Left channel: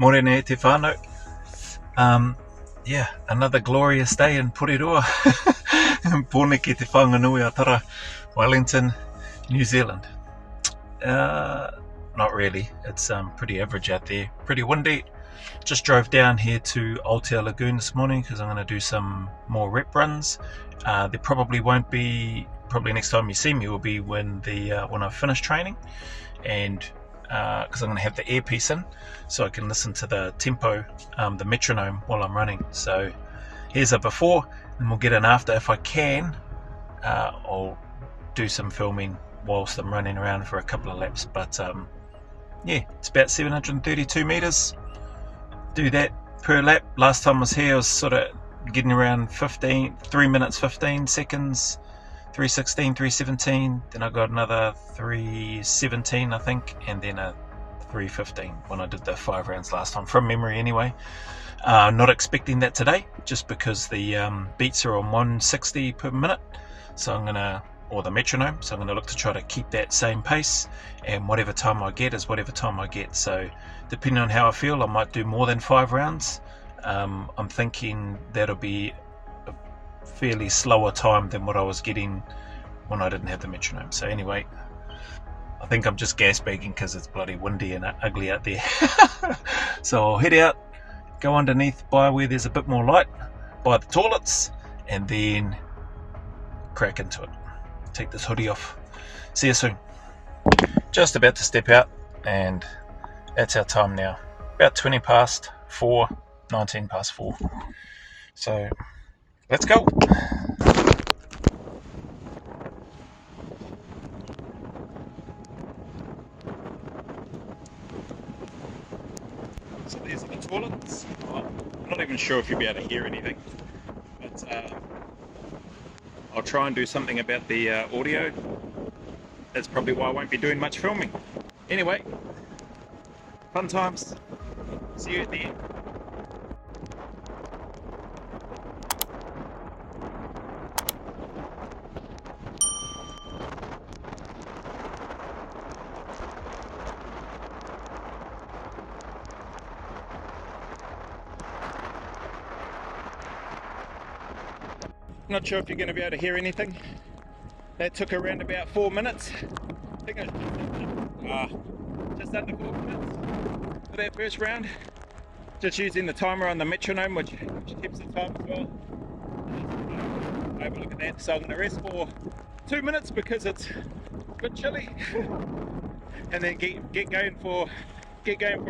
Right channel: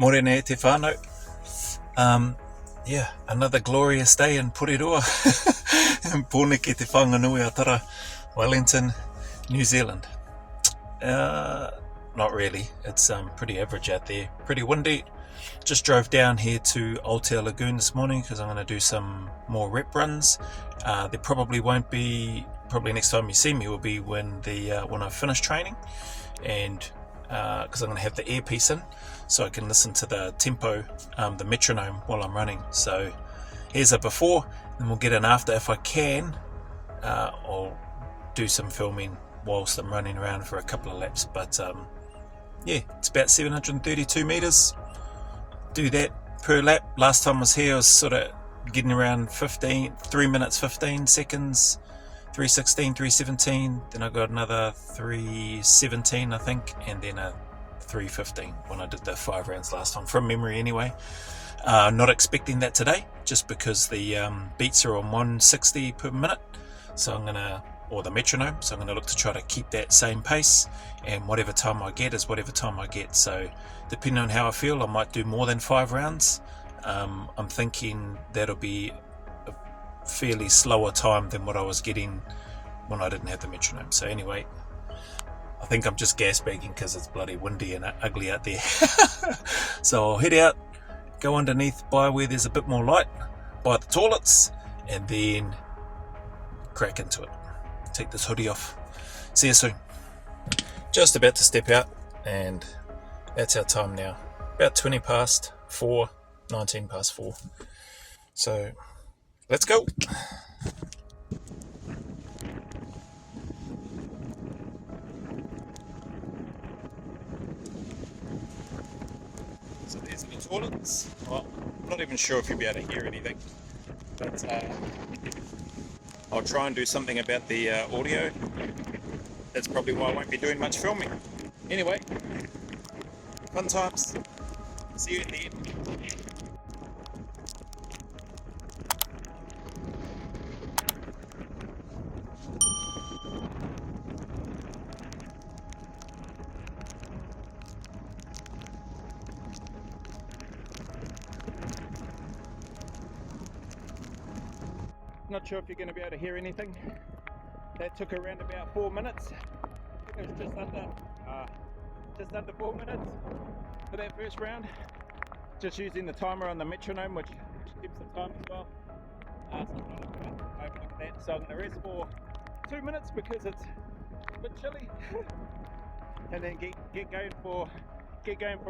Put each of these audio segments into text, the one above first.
Morena te whānau. Another glorious day in Porirua. Pōneke te whanganui atara, Wellington, New Zealand. Not really, it's pretty average out there, pretty windy. Just drove down here to Aotea Lagoon this morning because I'm going to do some more rep runs. There probably won't be, probably next time you see me will be when I've finished training, and because I'm going to have the earpiece in so I can listen to the tempo, the metronome while I'm running. So here's a before, and we'll get an after. If I can, I'll do some filming whilst I'm running around for a couple of laps, but it's about 732 meters. Do that per lap. Last time I was here I was sort of getting around 3 minutes 15 seconds, 3:16, 3:17, then I got another 3:17 I think, and then a 3:15 when I did the 5 rounds last time, from memory anyway. Not expecting that today, just because the beats are on 160 per minute, so I'm gonna, or the metronome, so I'm gonna look to try to keep that same pace, and whatever time I get is whatever time I get. So depending on how I feel, I might do more than 5 rounds. I'm thinking that'll be a fairly slower time than what I was getting when I didn't have the metronome. So anyway, I think I'm just gas bagging because it's bloody windy and ugly out there. So I'll head out, go underneath by where there's a bit more light, by the toilets, and then crack into it. Take this hoodie off. See you soon. Just about to step out, and that's our time now. About 20 past 4, 19 past 4. So let's go. So there's the toilets. Well, I'm not even sure if you'll be able to hear anything, but I'll try and do something about the audio. That's probably why I won't be doing much filming. Anyway, fun times. See you at the end. Not sure if you're going to be able to hear anything. That took around about 4 minutes. I think it was just under 4 minutes for that first round. Just using the timer on the metronome, which keeps the time as well. Have a look at that. So I'm going to rest for 2 minutes because it's a bit chilly, and then get going for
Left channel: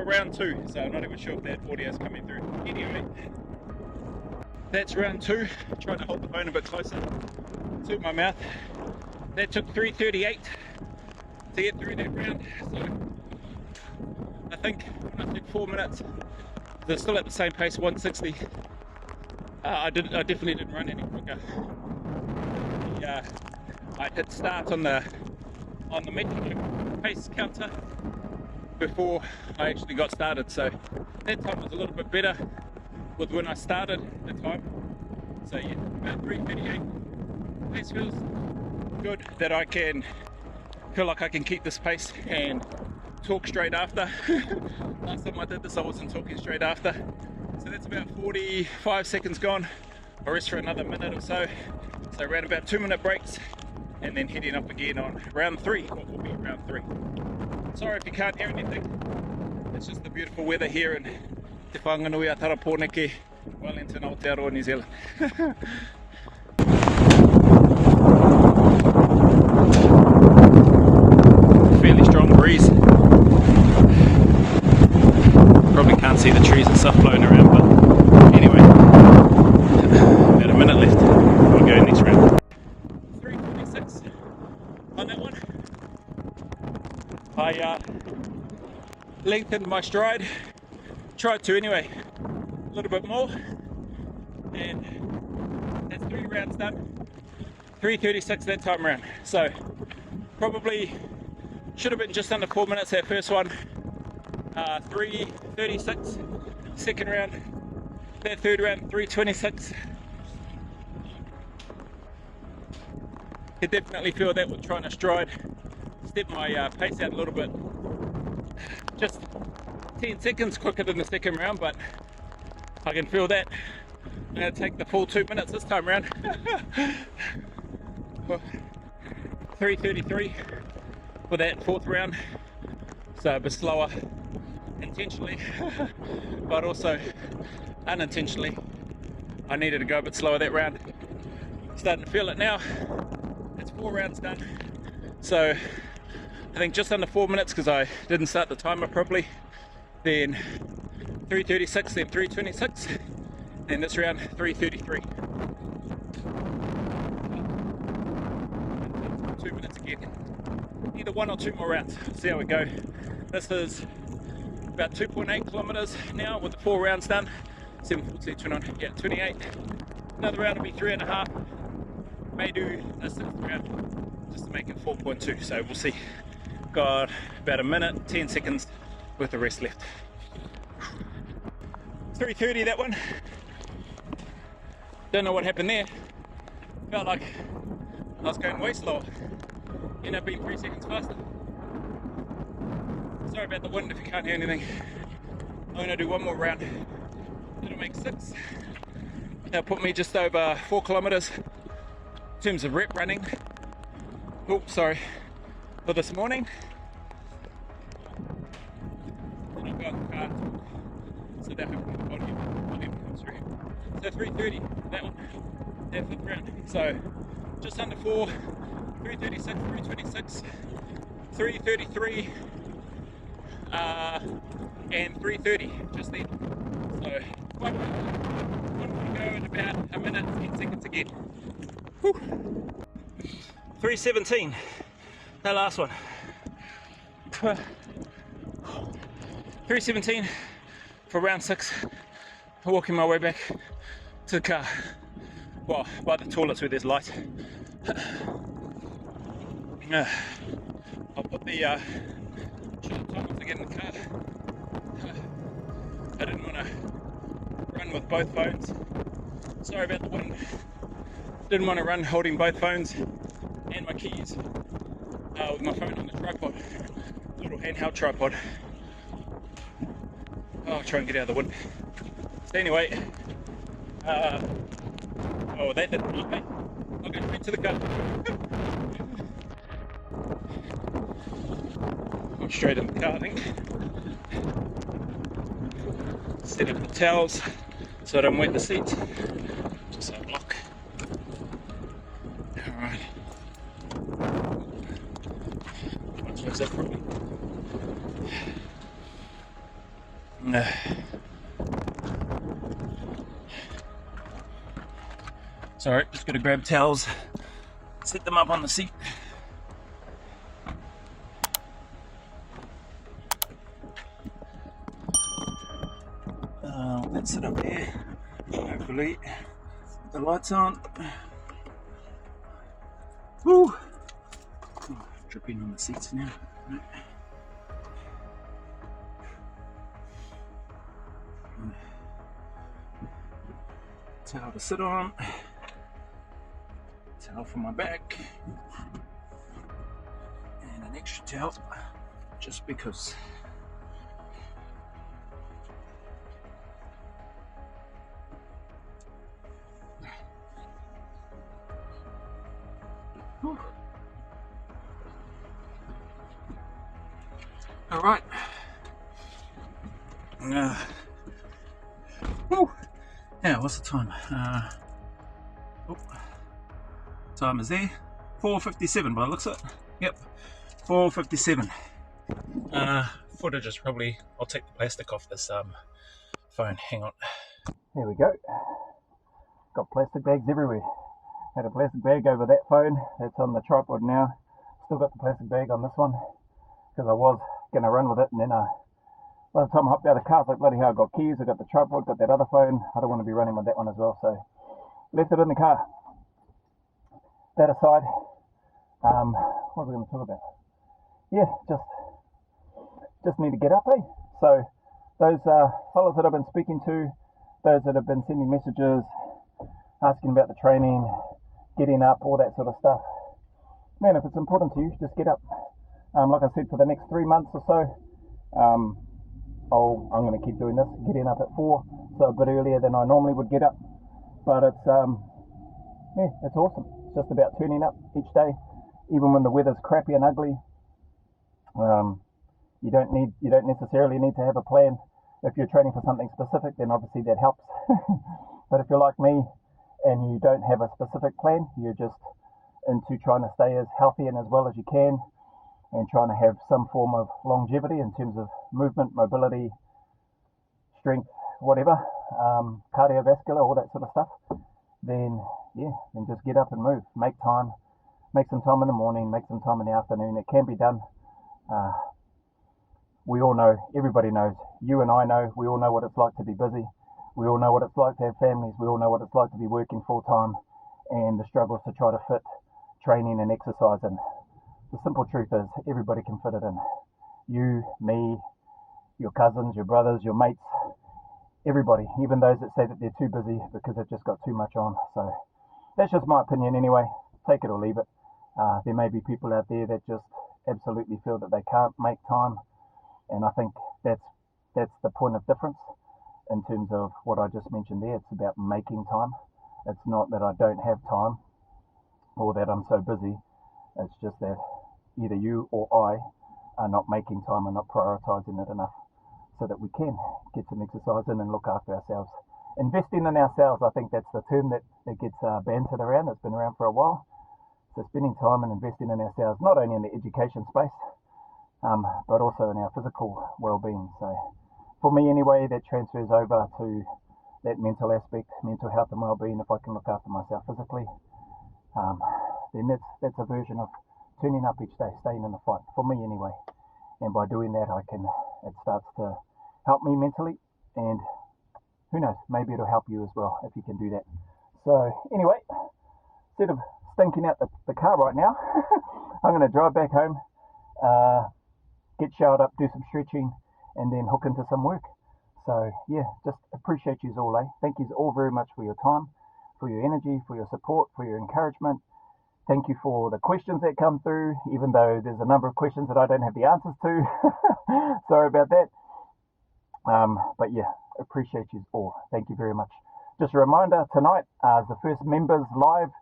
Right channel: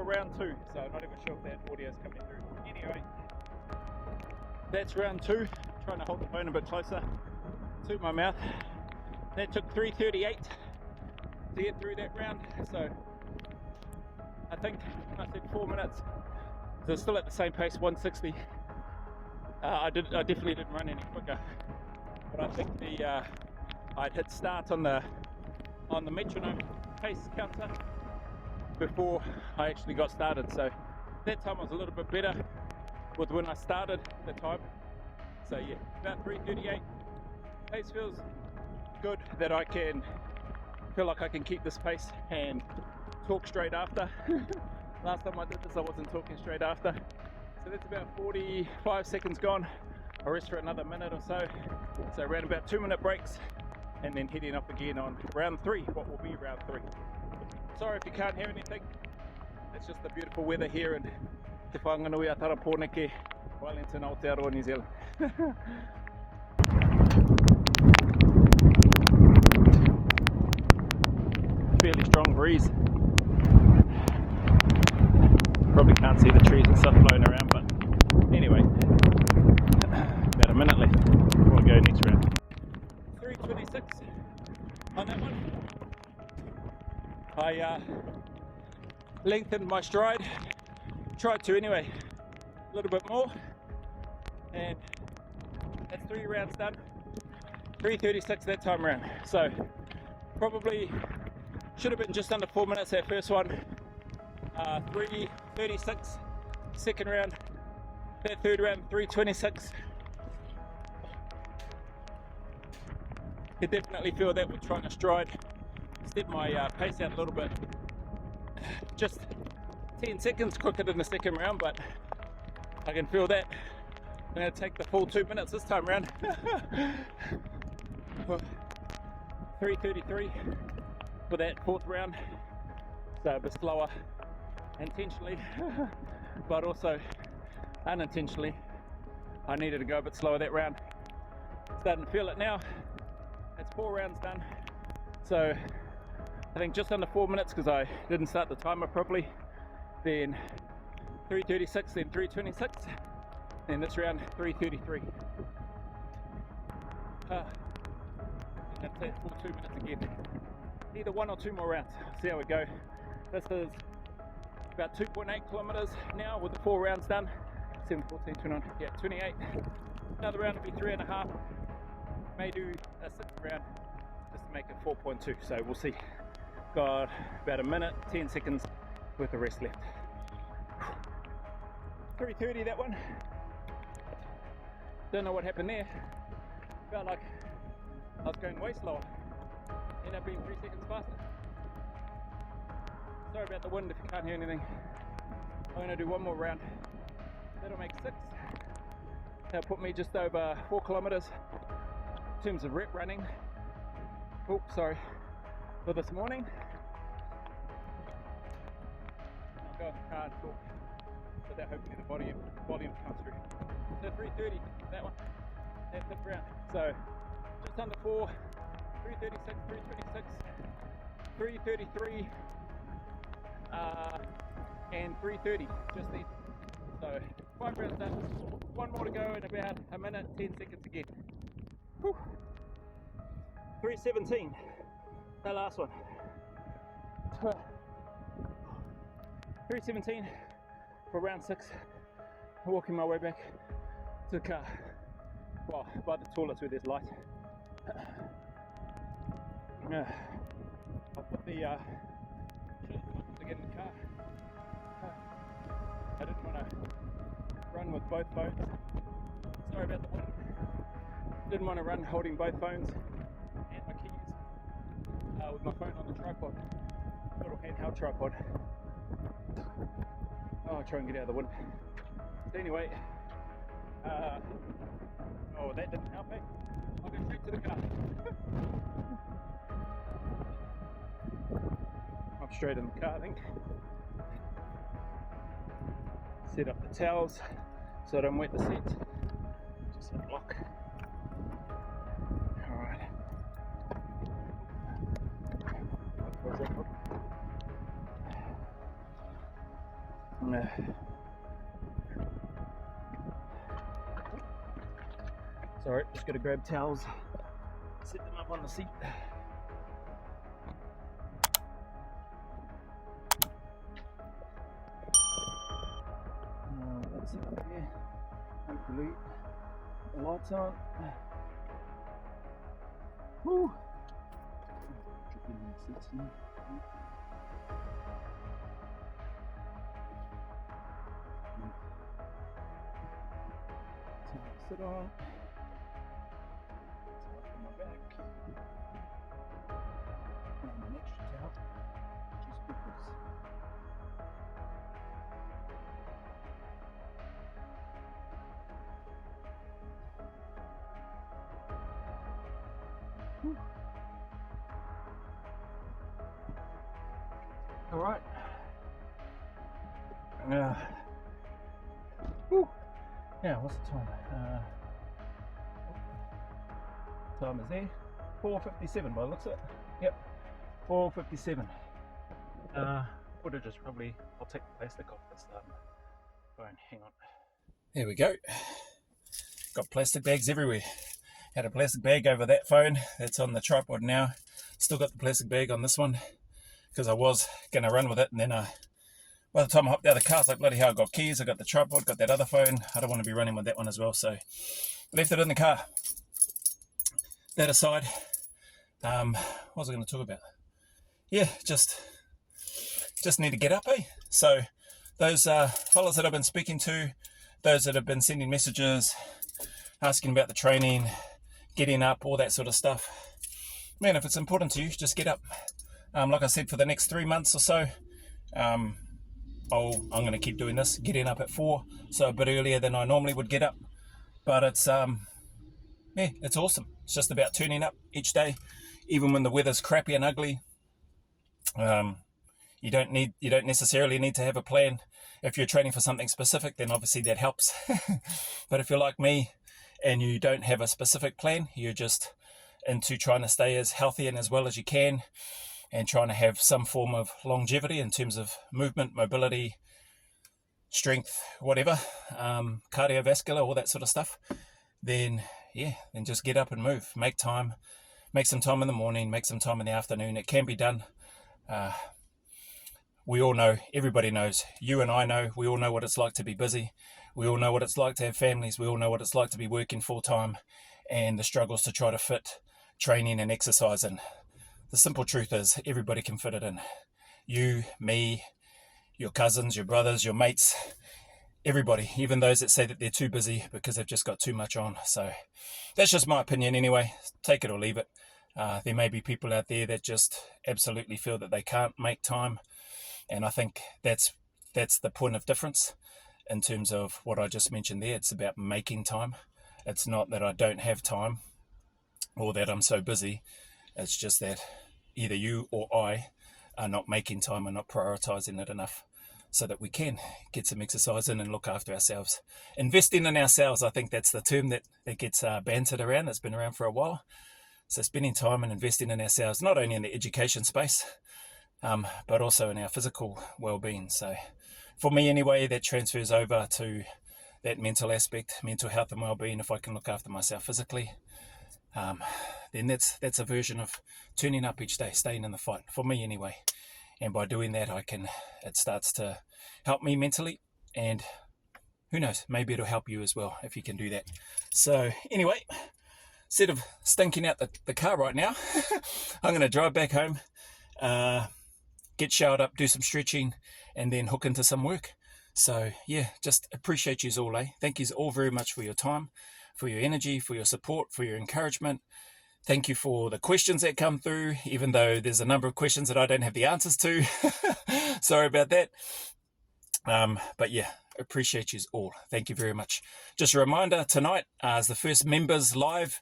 round 2. So I'm not even sure if that audio is coming through. Anyway, that's round 2. Trying to hold the phone a bit closer to my mouth. That took 3:38 to get through that round. So I think I took 4 minutes. They're still at the same pace, 160. I definitely didn't run any quicker. I'd hit start on the metronome pace counter before I actually got started. So that time was a little bit better with when I started the time. So yeah, about 3:38. Pace feels good that I can feel like I can keep this pace and talk straight after. Last time I did this I wasn't talking straight after. So that's about 45 seconds gone. I'll rest for another minute or so. So around about 2-minute breaks, and then heading up again on round 3, what will be round 3. Sorry if you can't hear anything. It's just the beautiful weather here in Te Whanganui Atara Pōneke, Wellington, Aotearoa, New Zealand. Fairly strong breeze. Probably can't see the trees and stuff blowing around, but anyway, about a minute left. We'll go next round. 3:26 on that one. I lengthened my stride. Tried to anyway, a little bit more, and that's 3 rounds done. 3:36 that time around. So probably should have been just under 4 minutes that first one. 3:36 second round. That third round 3:26. Could definitely feel that with trying to stride, step my pace out a little bit. Just 10 seconds quicker than the second round, but I can feel that. I'm going to take the full 2 minutes this time around. 3:33 for that fourth round, so a bit slower intentionally, but also unintentionally. I needed to go a bit slower that round. Starting to feel it now. It's 4 rounds done, so I think just under 4 minutes because I didn't start the timer properly. Then 3:36, then 3:26, then this round 3:33. 2 minutes again. Either 1 or 2 more rounds. See how we go. This is about 2.8 kilometers now with the 4 rounds done. 7, 14, 29, yeah, 28. Another round will be 3.5. May do a 6th round just to make it 4.2. So we'll see. Got about a minute, 10 seconds with the rest left. 3:30 that one. Don't know what happened there. Felt like I was going way slower. Ended up being 3 seconds faster. Sorry about the wind if you can't hear anything. I'm going to do 1 more round. That'll make 6. That'll put me just over 4 kilometers in terms of rep running. Oh, sorry. For this morning. Then I'll go in the car. So that hopefully the volume comes through. So 3:30, that one. That 5th round. So just under 4. 3:36, 3:26, 3:33, and 3:30 just then. So quite good. 1 more to go in about a minute, 10 seconds again. Whew. 3:17, that last one. 3:17 for round 6. Walking my way back to the car. Well, by the toilets where there's light. I'll put the should have told to get in the car. I didn't want to run with both phones. Sorry about the wind. Didn't want to run holding both phones and my keys with my phone on the tripod, little handheld tripod. I'll try and get out of the wind. So anyway, oh, that didn't look me. I'll go straight to the car. I'm straight in the car, I think. Set up the towels so I don't wet the seats. Just a block. Alright. Where's that from? No. Sorry, just gotta grab towels, set them up on the seat. Let's sit up there. Hopefully the lights on. Woo! Oh, dripping on the seats now. Right. Towel to sit on. Towel for my back. And an extra towel just because. All right. Now, what's the time? Time is there. 4:57 by the looks of it. Yep, 4:57. Footage is probably. I'll take the plastic off this phone. Hang on. There we go. Got plastic bags everywhere. Had a plastic bag over that phone. That's on the tripod now. Still got the plastic bag on this one because I was going to run with it, and then by the time I hopped out of the car, I was like, bloody hell, I got keys, I got the tripod, got that other phone. I don't want to be running with that one as well, so left it in the car. That aside, what was I going to talk about? Yeah, just need to get up, eh? So those fellas that I've been speaking to, those that have been sending messages, asking about the training, getting up, all that sort of stuff. Man, if it's important to you, just get up. Like I said, for the next 3 months or so, I'm going to keep doing this, getting up at 4, so a bit earlier than I normally would get up. But it's yeah, it's awesome. It's just about turning up each day, even when the weather's crappy and ugly. You don't necessarily need to have a plan. If you're training for something specific, then obviously that helps. But if you're like me and you don't have a specific plan, you're just into trying to stay as healthy and as well as you can, and trying to have some form of longevity in terms of movement, mobility, strength, whatever, cardiovascular, all that sort of stuff, then just get up and move. Make time. Make some time in the morning, make some time in the afternoon. It can be done. We all know, everybody knows, you and I know, we all know what it's like to be busy. We all know what it's like to have families. We all know what it's like to be working full time, and the struggles to try to fit training and exercise in. The simple truth is everybody can fit it in. You, me, your cousins, your brothers, your mates, everybody, even those that say that they're too busy because they've just got too much on. So that's just my opinion anyway. Take it or leave it. There may be people out there that just absolutely feel that they can't make time, and I think that's the point of difference in terms of what I just mentioned there. It's about making time. It's not that I don't have time or that I'm so busy. It's just that either you or I are not making time and not prioritizing it enough so that we can get some exercise in and look after ourselves. Investing in ourselves, I think that's the term that gets bantered around. That's been around for a while. So spending time and investing in ourselves, not only in the education space, but also in our physical well-being. So for me anyway, that transfers over to that mental aspect, mental health and well-being. If I can look after myself physically, then that's a version of turning up each day, staying in the fight, for me anyway. And by doing that, it starts to help me mentally, and who knows, maybe it'll help you as well if you can do that. So anyway, instead of stinking out the car right now, I'm going to drive back home, get showered up, do some stretching, and then hook into some work. So yeah, just appreciate you all, Thank you all very much for your time, for your energy, for your support, for your encouragement. Thank you for the questions that come through, even though there's a number of questions that I don't have the answers to. Sorry about that. But yeah, appreciate you all. Thank you very much. Just a reminder, tonight is the first members live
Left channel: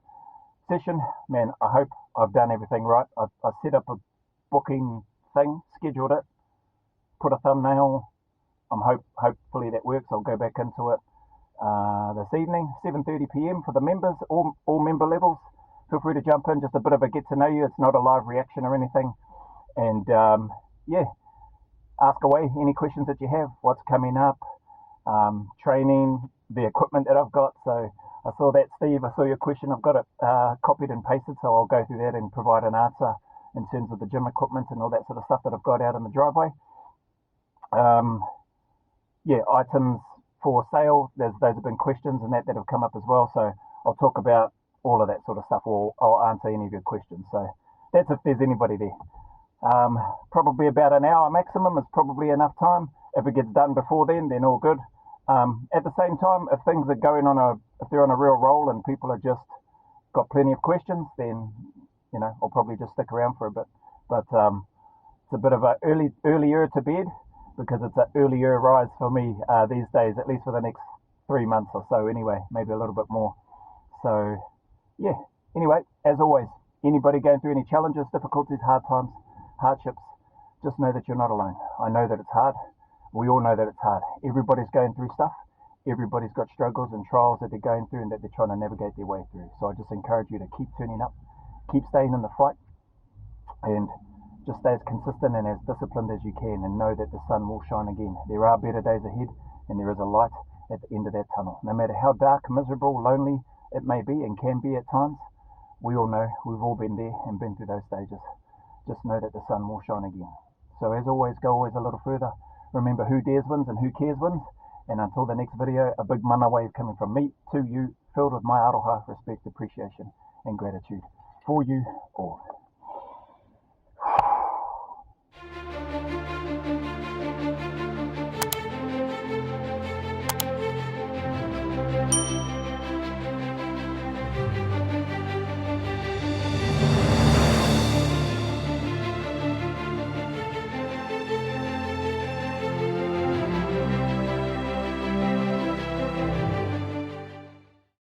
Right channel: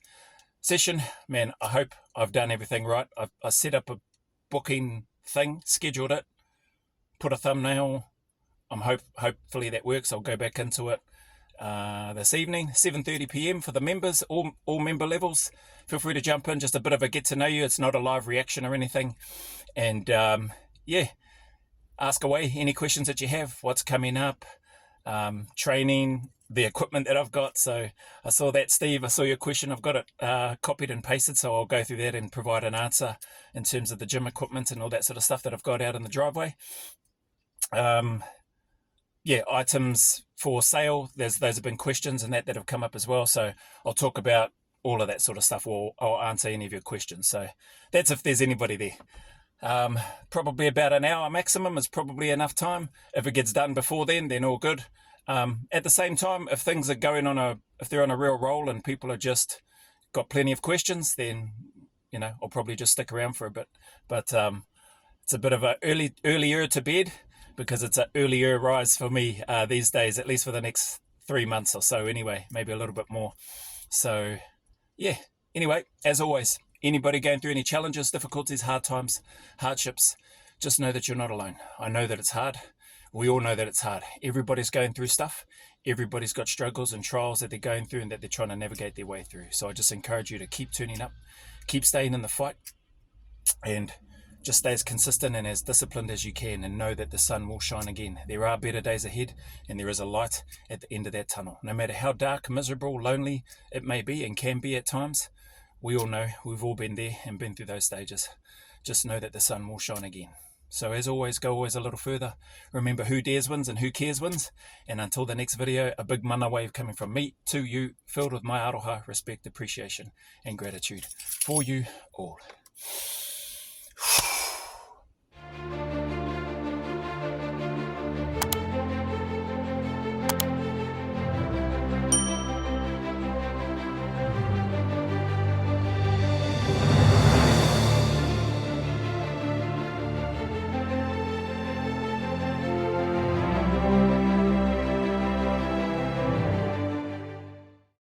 session. Man, I hope I've done everything right. I set up a booking thing, scheduled it, put a thumbnail. Hopefully that works. I'll go back into it this evening, 7:30 p.m. for the members, all member levels. Feel free to jump in, just a bit of a get to know you. It's not a live reaction or anything. And ask away any questions that you have, what's coming up, training, the equipment that I've got. So I saw that, Steve, I saw your question. I've got it copied and pasted, so I'll go through that and provide an answer in terms of the gym equipment and all that sort of stuff that I've got out in the driveway. Items for sale, those have been questions and that have come up as well. So I'll talk about all of that sort of stuff, or I'll answer any of your questions. So that's if there's anybody there. Probably about an hour maximum is probably enough time. If it gets done before then all good. At the same time, if things are going if they're on a real roll and people are just got plenty of questions, then I'll probably just stick around for a bit. But it's a bit of a earlier to bed, because it's an earlier rise for me these days, at least for the next 3 months or so anyway, maybe a little bit more. So yeah, anyway, as always, anybody going through any challenges, difficulties, hard times, hardships, just know that you're not alone. I know that it's hard. We all know that it's hard. Everybody's going through stuff. Everybody's got struggles and trials that they're going through and that they're trying to navigate their way through. So I just encourage you to keep turning up, keep staying in the fight, and just stay as consistent and as disciplined as you can, and know that the sun will shine again. There are better days ahead, and there is a light at the end of that tunnel. No matter how dark, miserable, lonely it may be and can be at times, we all know, we've all been there and been through those stages. Just know that the sun will shine again. So as always, go always a little further. Remember, who dares wins and who cares wins. And until the next video, a big mana wave coming from me to you, filled with my aroha, respect, appreciation, and gratitude for you all.